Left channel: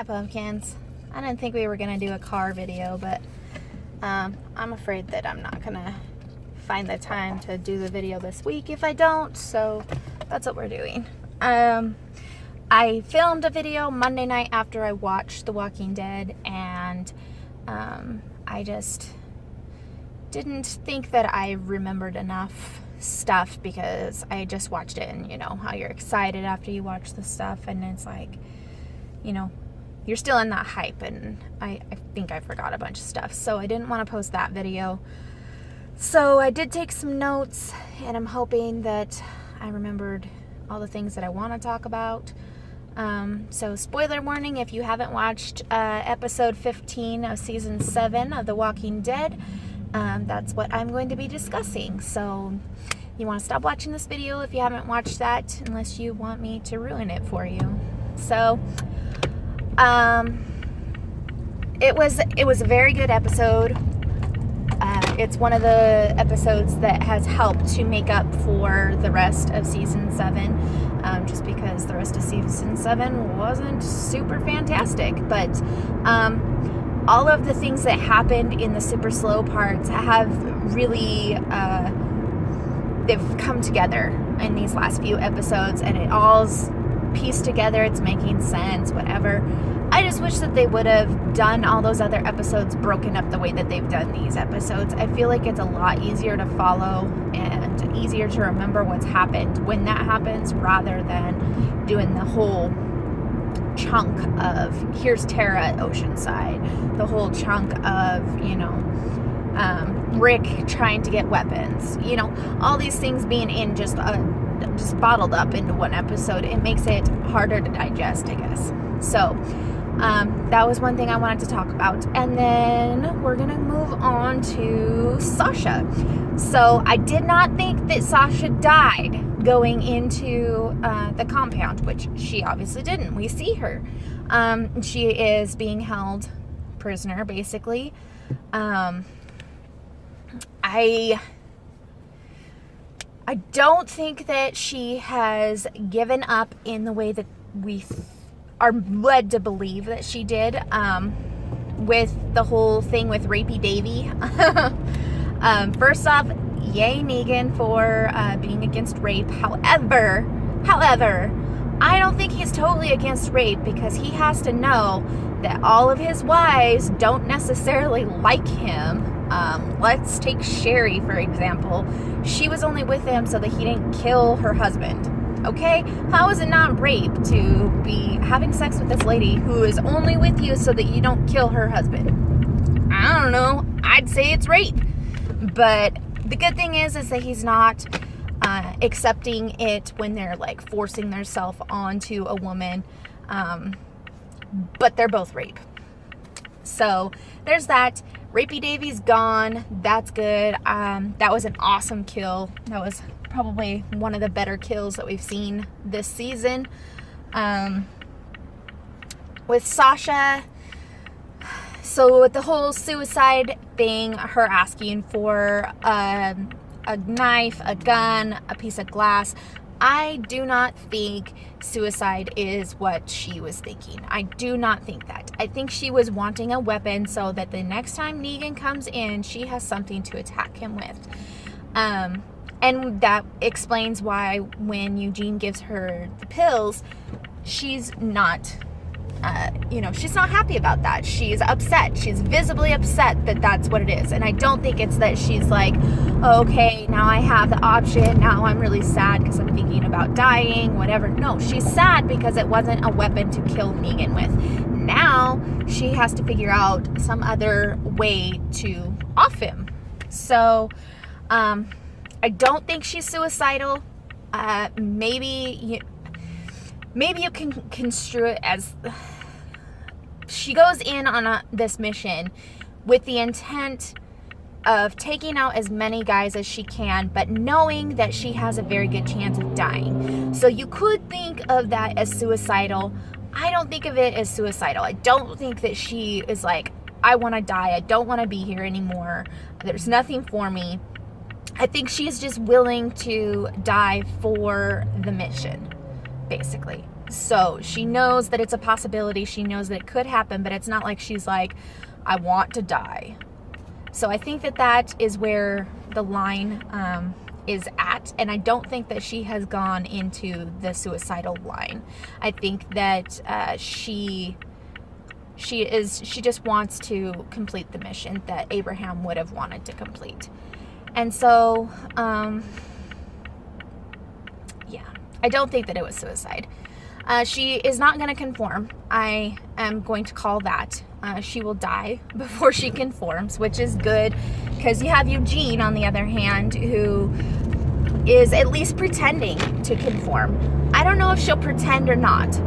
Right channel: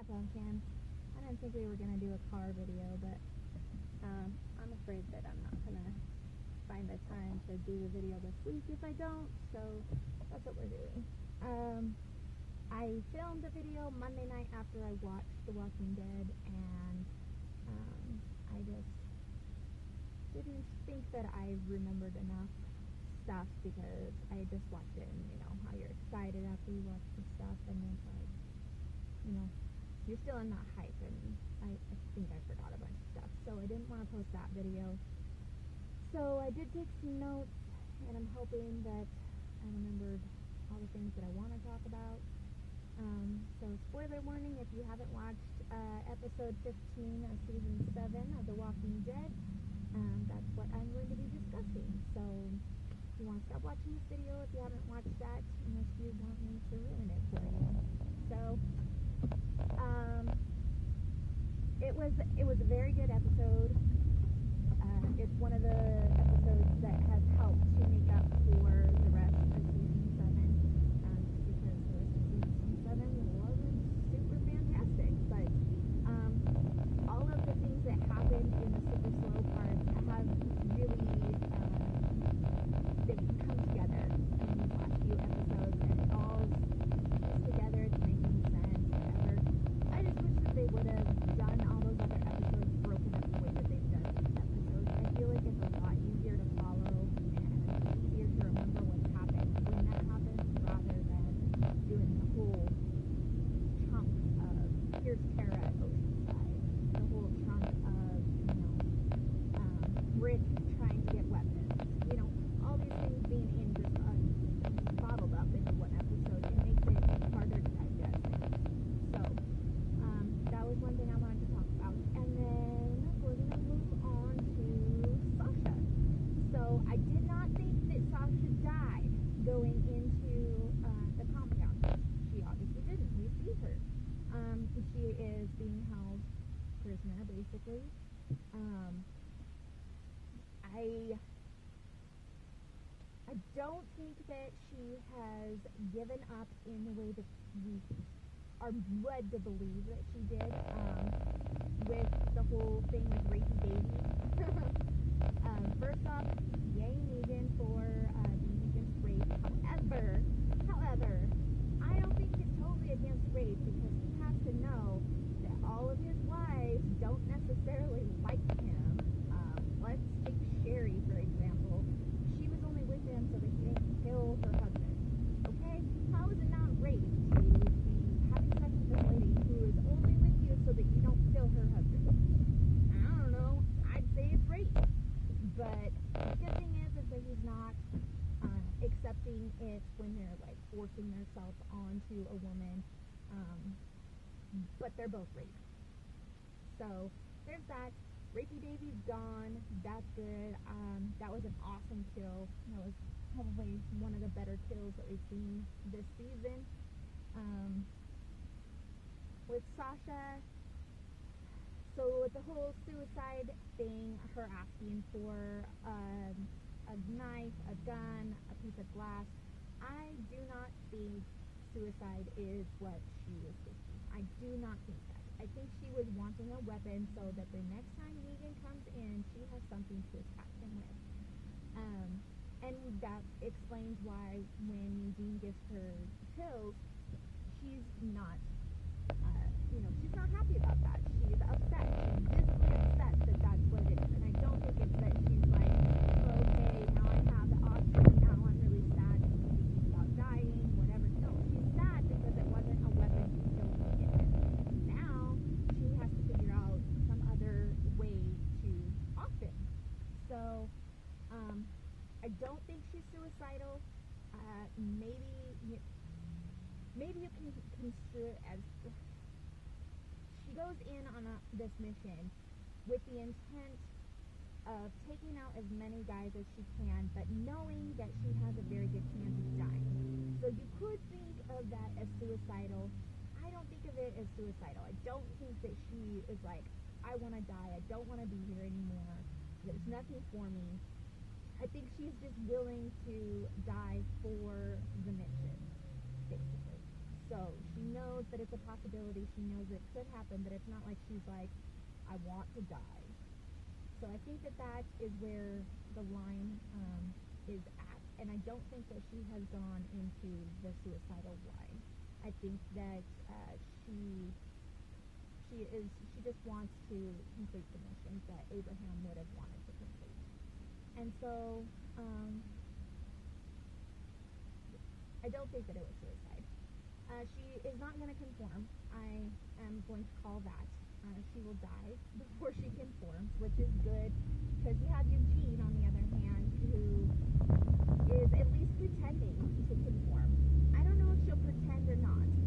Hi pumpkins. I didn't think we were gonna do a car video, but I'm afraid that I'm not gonna find the time to do the video this week if I don't, so that's what we're doing. I filmed a video Monday night after I watched The Walking Dead, and I just didn't think that I remembered enough stuff because I just watched it, and you know how you're excited after you watch the stuff, and it's like, you know, you're still in that hype, and I think I forgot a bunch of stuff, so I didn't want to post that video. So I did take some notes, and I'm hoping that I remembered all the things that I want to talk about. So spoiler warning, if you haven't watched episode 15 of season 7 of The Walking Dead, that's what I'm going to be discussing. So you want to stop watching this video if you haven't watched that, unless you want me to ruin it for you. So it was a very good episode. It's one of the episodes that has helped to make up for the rest of season 7, just because the rest of season 7 wasn't super fantastic. But all of the things that happened in the super slow parts have really they've come together in these last few episodes, and it all's pieced together. It's making sense, whatever. I just wish that they would have done all those other episodes broken up the way that they've done these episodes. I feel like it's a lot easier to follow and easier to remember what's happened when that happens, rather than doing the whole chunk of here's Tara at Oceanside, the whole chunk of, you know, Rick trying to get weapons, you know, all these things being in just bottled up into one episode. It makes it harder to digest, I guess. So that was one thing I wanted to talk about. And then we're gonna move on to Sasha. So I did not think that Sasha died going into the compound, which she obviously didn't. We see her. She is being held prisoner, basically. I don't think that she has given up in the way that we are led to believe that she did, with the whole thing with Rapey Davy. First off, yay Negan for being against rape. However, I don't think he's totally against rape, because he has to know that all of his wives don't necessarily like him. Let's take Sherry, for example. She was only with him so that he didn't kill her husband. Okay? How is it not rape to be having sex with this lady who is only with you so that you don't kill her husband? I don't know. I'd say it's rape. But the good thing is that he's not accepting it when they're like forcing themselves onto a woman. But they're both rape. So there's that. Rapey Davy's gone. That's good. That was an awesome kill. That was probably one of the better kills that we've seen this season. With Sasha, so with the whole suicide thing, her asking for a knife, a gun, a piece of glass, I do not think suicide is what she was thinking. I do not think that. I think she was wanting a weapon so that the next time Negan comes in, she has something to attack him with. And that explains why when Eugene gives her the pills, she's not, she's not happy about that. She's upset. She's visibly upset that that's what it is. And I don't think it's that she's like, oh, okay, now I have the option. Now I'm really sad because I'm thinking about dying, whatever. No, she's sad because it wasn't a weapon to kill Negan with. Now she has to figure out some other way to off him. So, I don't think she's suicidal. Maybe you can construe it as she goes in on this mission with the intent of taking out as many guys as she can, but knowing that she has a very good chance of dying. So you could think of that as suicidal. I don't think of it as suicidal. I don't think that she is like, I want to die. I don't want to be here anymore. There's nothing for me. I think she's just willing to die for the mission, basically. So she knows that it's a possibility. She knows that it could happen, but it's not like she's like, I want to die. So I think that is where the line is at, and I don't think that she has gone into the suicidal line. I think that she just wants to complete the mission that Abraham would have wanted to complete. And so yeah, I don't think that it was suicide. She is not going to conform. I am going to call that. She will die before she conforms, which is good, because you have Eugene, on the other hand, who is at least pretending to conform. I don't know if she'll pretend or not.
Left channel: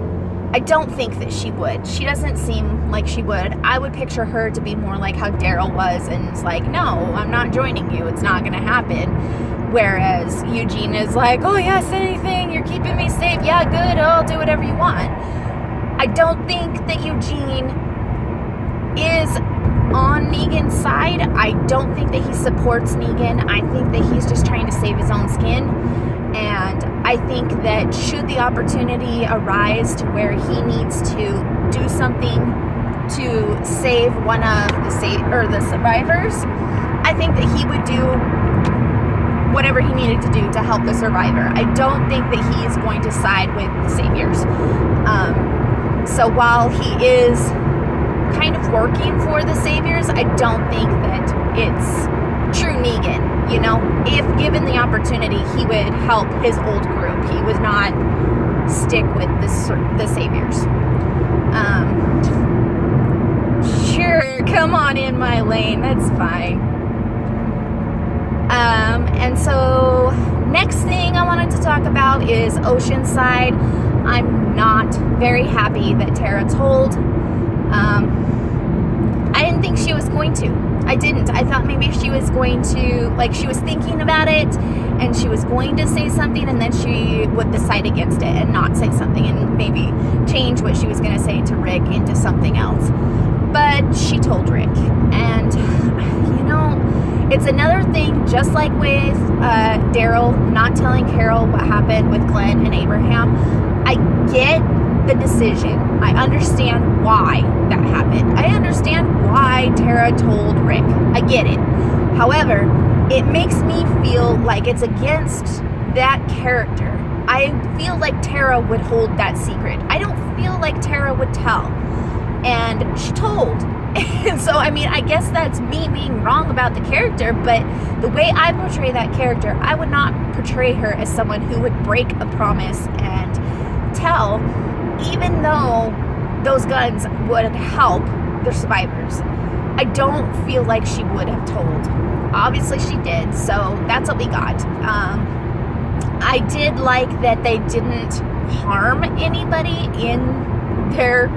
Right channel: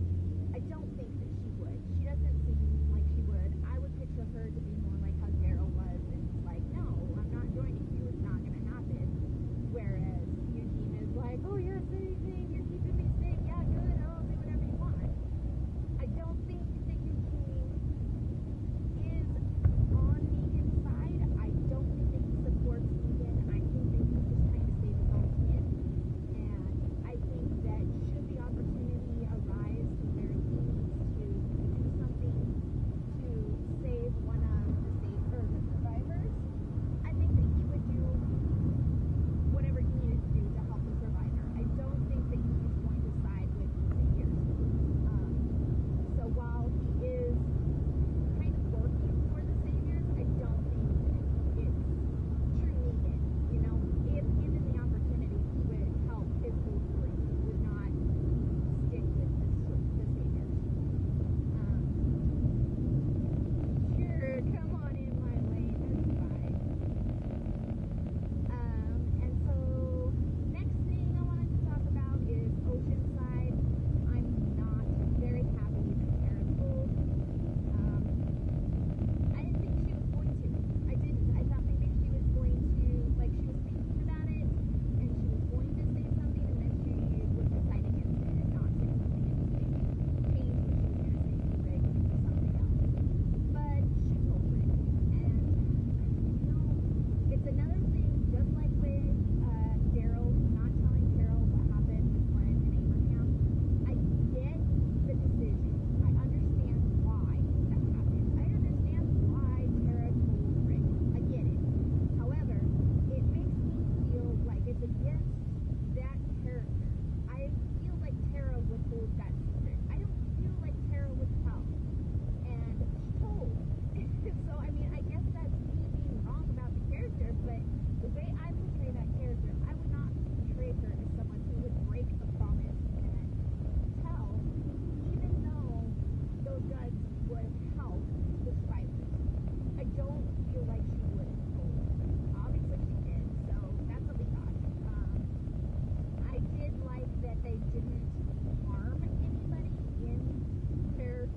I don't think that she would. She doesn't seem like she would. I would picture her to be more like how Daryl was, and it's like, no, I'm not joining you. It's not going to happen. Whereas Eugene is like, oh yes, anything, you're keeping me safe. Yeah, good, I'll do whatever you want. I don't think that Eugene is on Negan's side. I don't think that he supports Negan. I think that he's just trying to save his own skin. And I think that should the opportunity arise to where he needs to do something to save one of the survivors, I think that he would do whatever he needed to do to help the survivor. I don't think that he is going to side with the saviors. So while he is kind of working for the saviors, I don't think that it's true Negan. You know, if given the opportunity, he would help his old group. He would not stick with the saviors. Sure, come on in my lane, that's fine. And so next thing I wanted to talk about is Oceanside. I'm not very happy that Tara told. I didn't think she was going to. I didn't. I thought maybe she was going to, like, she was thinking about it and she was going to say something, and then she would decide against it and not say something and maybe change what she was going to say to Rick into something else. But she told Rick. And, you know, it's another thing, just like with Daryl not telling Carol what happened with Glenn and Abraham. I get the decision. I understand why that happened. I understand why Tara told Rick. I get it. However, it makes me feel like it's against that character. I feel like Tara would hold that secret. I don't feel like Tara would tell. And she told. And so, I mean, I guess that's me being wrong about the character, but the way I portray that character, I would not portray her as someone who would break a promise and tell, even though those guns would help the survivors. I don't feel like she would have told. Obviously she did, so that's what we got. I did like that they didn't harm anybody in their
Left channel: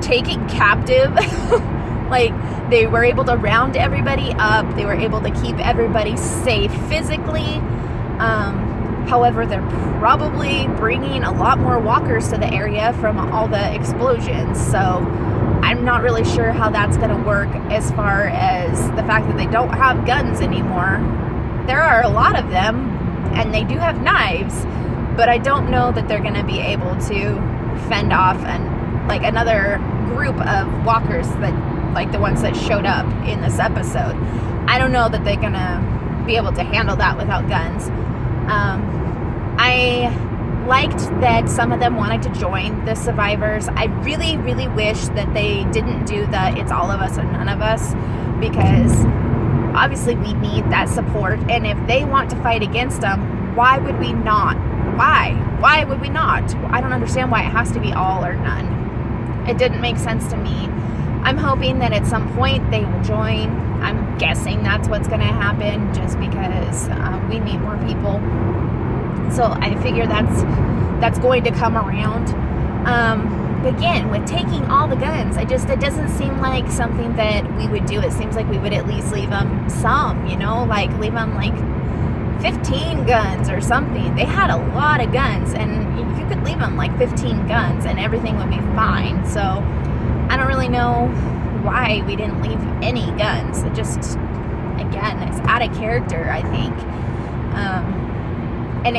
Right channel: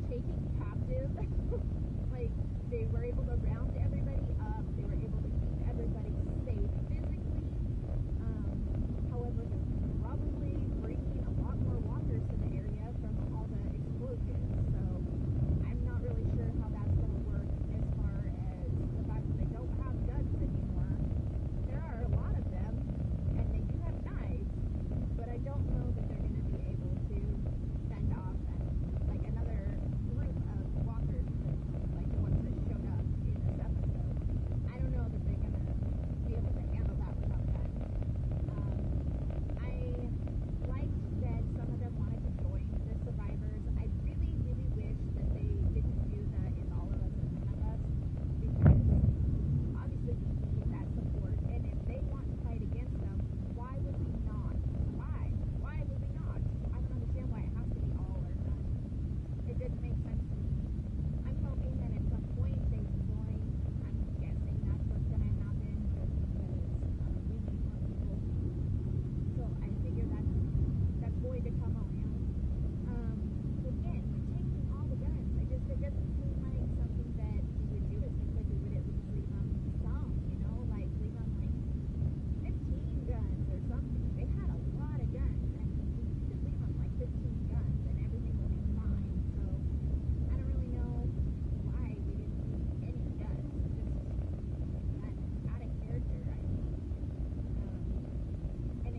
taking captive. Like, they were able to round everybody up. They were able to keep everybody safe physically. However, they're probably bringing a lot more walkers to the area from all the explosions. So I'm not really sure how that's going to work as far as the fact that they don't have guns anymore. There are a lot of them, and they do have knives, but I don't know that they're going to be able to fend off like another group of walkers that, like the ones that showed up in this episode. I don't know that they're going to be able to handle that without guns. I liked that some of them wanted to join the survivors. I really, really wish that they didn't do the it's all of us or none of us, because obviously we need that support, and if they want to fight against them, why would we not? Why would we not? I don't understand why it has to be all or none. It didn't make sense to me. I'm hoping that at some point they will join. I'm guessing that's what's going to happen, just because we need more people. So I figure that's going to come around. But again, with taking all the guns, it doesn't seem like something that we would do. It seems like we would at least leave them some, you know, like leave them like 15 guns or something. They had a lot of guns, and you could leave them like 15 guns and everything would be fine. So I don't really know why we didn't leave any guns. It just, again, it's out of character, I think. And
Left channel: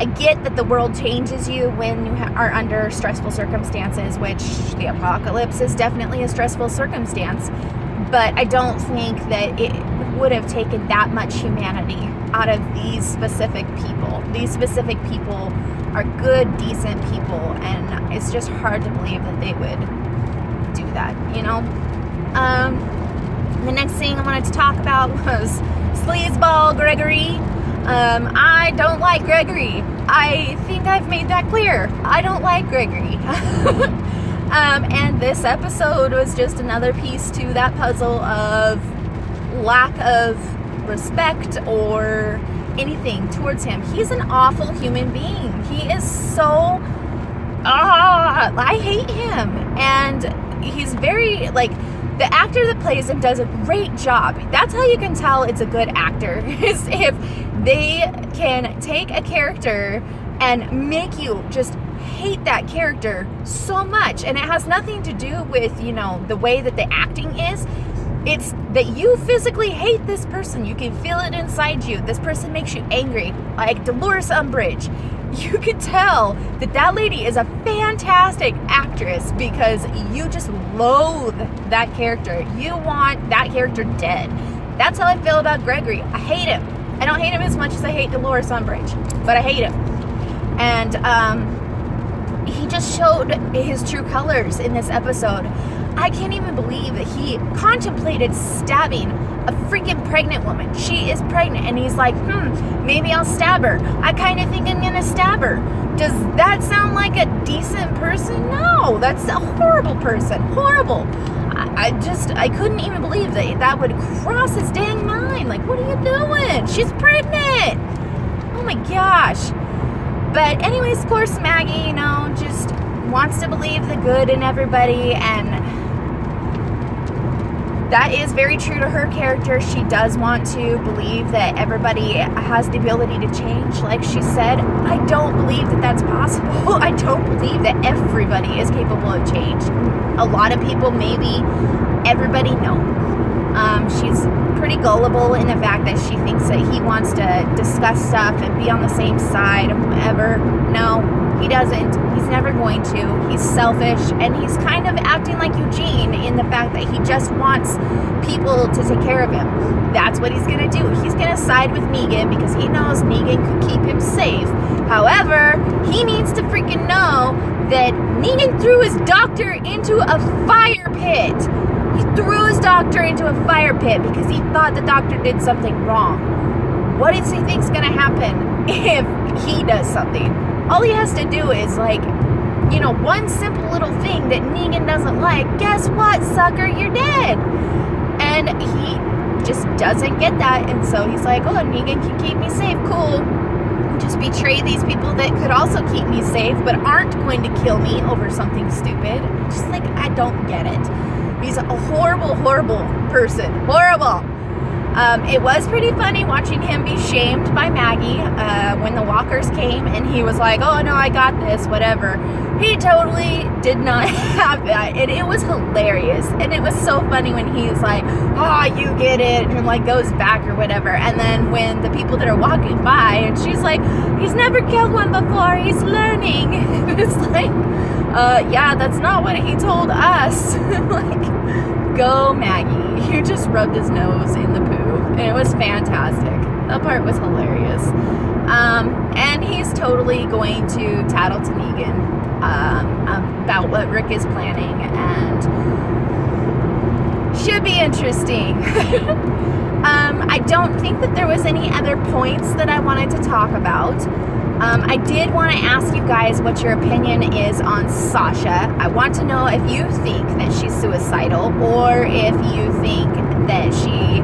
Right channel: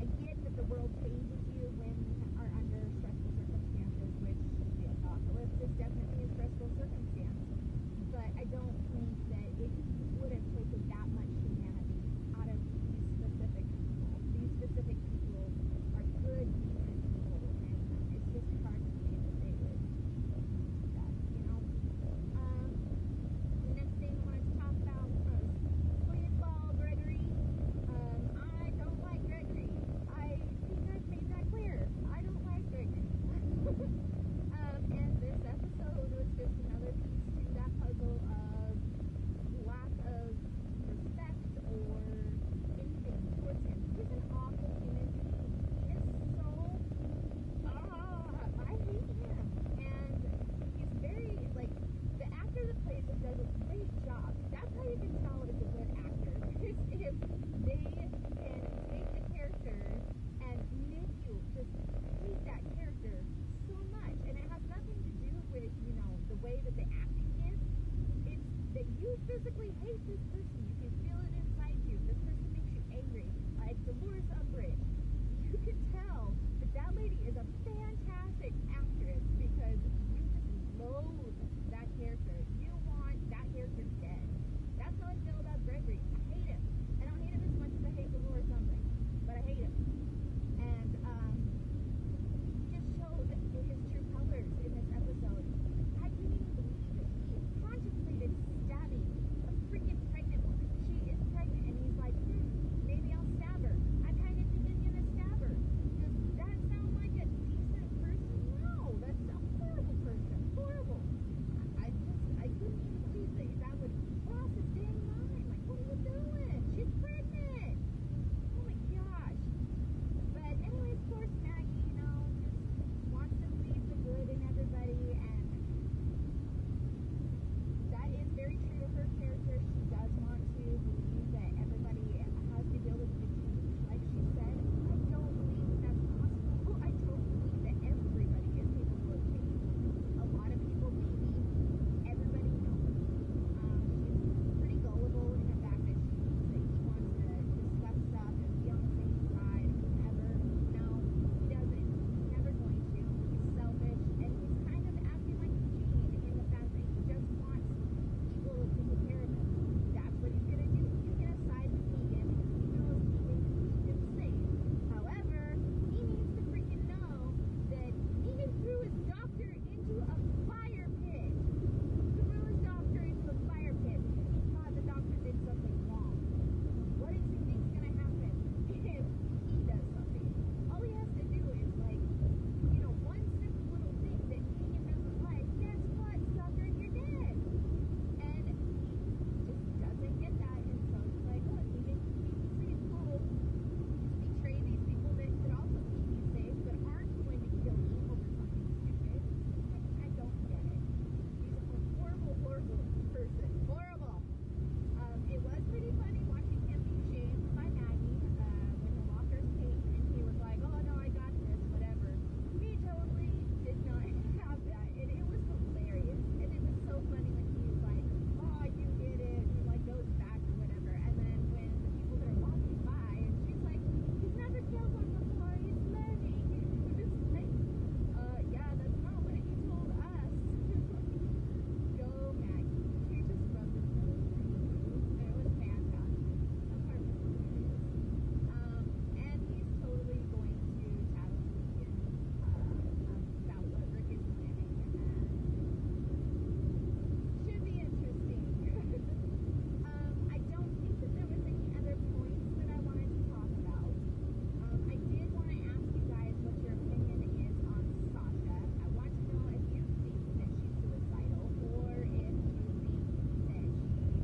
I get that the world changes you when you are under stressful circumstances, which the apocalypse is definitely a stressful circumstance, but I don't think that it would have taken that much humanity out of these specific people. These specific people are good, decent people, and it's just hard to believe that they would do that, you know? The next thing I wanted to talk about was Sleazeball Gregory. I don't like Gregory. I think I've made that clear. I don't like Gregory. And this episode was just another piece to that puzzle of lack of respect or anything towards him. He's an awful human being. He is so... I hate him. And he's very, like... The actor that plays him does a great job. That's how you can tell it's a good actor, is if they can take a character and make you just hate that character so much. And it has nothing to do with, you know, the way that the acting is. It's that you physically hate this person. You can feel it inside you. This person makes you angry. Like Dolores Umbridge. You could tell that that lady is a fantastic actress because you just loathe that character. You want that character dead. That's how I feel about Gregory. I hate him. I don't hate him as much as I hate Dolores Umbridge, but I hate him. And he just showed his true colors in this episode. I can't even believe that he contemplated stabbing a freaking pregnant woman. She is pregnant, and he's like, maybe I'll stab her. I kind of think I'm gonna stab her. Does that sound like a decent person? No, that's a horrible person. Horrible. I couldn't even believe that would cross his dang mind. Like, what are you doing? She's pregnant. Oh my gosh. But anyways, of course, Maggie, you know, just wants to believe the good in everybody, and that is very true to her character. She does want to believe that everybody has the ability to change. Like she said, I don't believe that that's possible. I don't believe that everybody is capable of change. A lot of people, maybe. Everybody, no. She's pretty gullible in the fact that she thinks that he wants to discuss stuff and be on the same side and whatever. No, he doesn't. He's never going to. He's selfish, and he's kind of acting like Eugene in the fact that he just wants people to take care of him. That's what he's going to do. He's going to side with Negan because he knows Negan could keep him safe. However, he needs to freaking know that Negan threw his doctor into a fire pit. He threw his doctor into a fire pit because he thought the doctor did something wrong. What does he think's going to happen if he does something? All he has to do is, like, you know, one simple little thing that Negan doesn't like. Guess what, sucker? You're dead. And he just doesn't get that. And so he's like, oh, Negan can keep me safe. Cool. Just betray these people that could also keep me safe but aren't going to kill me over something stupid. Just like, I don't get it. He's a horrible, horrible person. Horrible. It was pretty funny watching him be shamed by Maggie when the walkers came and he was like, oh no, I got this, whatever. He totally did not have that, and it was hilarious. And it was so funny when he's like, oh, you get it, and like goes back or whatever. And then when the people that are walking by and she's like, he's never killed one before, he's learning. It's like, yeah, that's not what he told us. Like, go Maggie. You just rubbed his nose in the poo. And it was fantastic. That part was hilarious. And he's totally going to tattle to Negan about what Rick is planning, and should be interesting. I don't think that there was any other points that I wanted to talk about. I did want to ask you guys what your opinion is on Sasha. I want to know if you think that she's suicidal, or if you think that she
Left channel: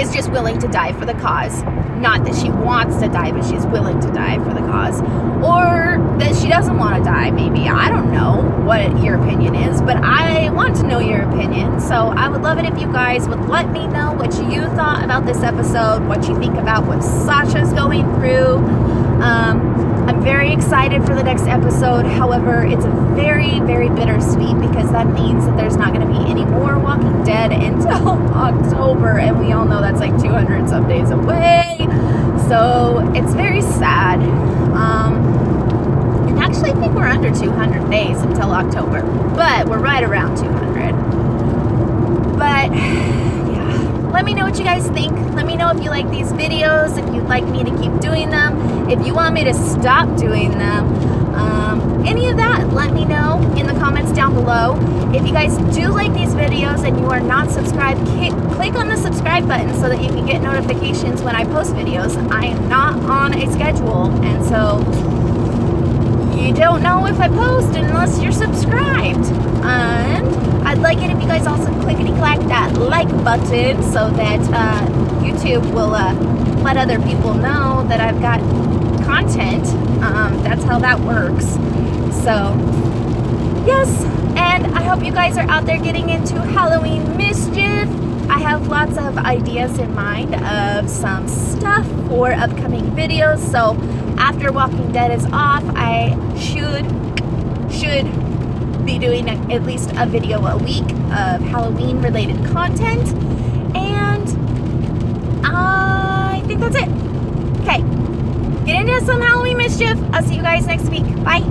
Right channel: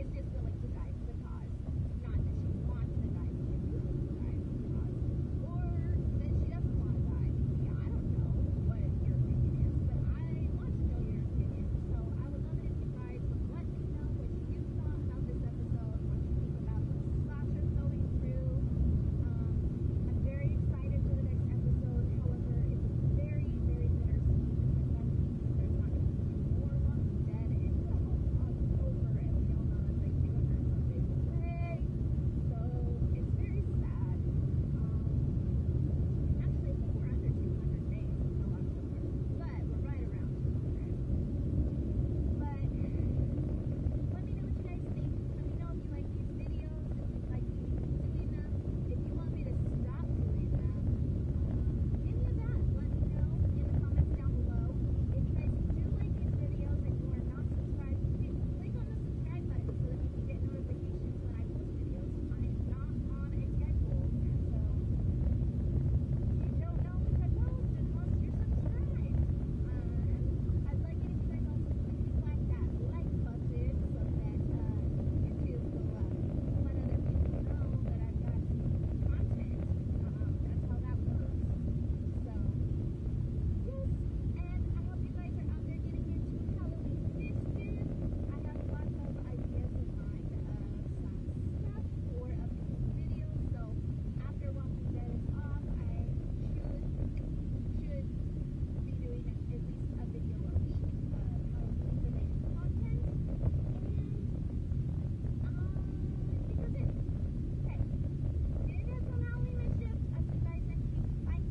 is just willing to die for the cause. Not that she wants to die, but she's willing to die for the cause. Or that she doesn't want to die, maybe. I don't know what your opinion is, but I want to know your opinion. So I would love it if you guys would let me know what you thought about this episode, what you think about what Sasha's going through. I'm very excited for the next episode. However, it's very, very bittersweet because that means that there's not going to be any more Walking Dead until October, and we all know that's like 200 some days away. So it's very sad. And actually I think we're under 200 days until October, but we're right around 200. But yeah, let me know what you guys think. Let me know if you like these videos, if you'd like me to keep doing them, if you want me to stop doing them. Any of that, let me know in the comments down below. If you guys do like these videos and you are not subscribed, click on the subscribe button so that you can get notifications when I post videos. I am not on a schedule, and so you don't know if I post unless you're subscribed. And I'd like it if you guys also clickety-clack that like button so that YouTube will let other people know that I've got content. That's how that works. So yes, and I hope you guys are out there getting into Halloween mischief. I have lots of ideas in mind of some stuff for upcoming videos. So after Walking Dead is off, I should be doing at least a video a week of Halloween related content. And I think that's it. Okay, get into some Halloween mischief. I'll see you guys next week. Bye.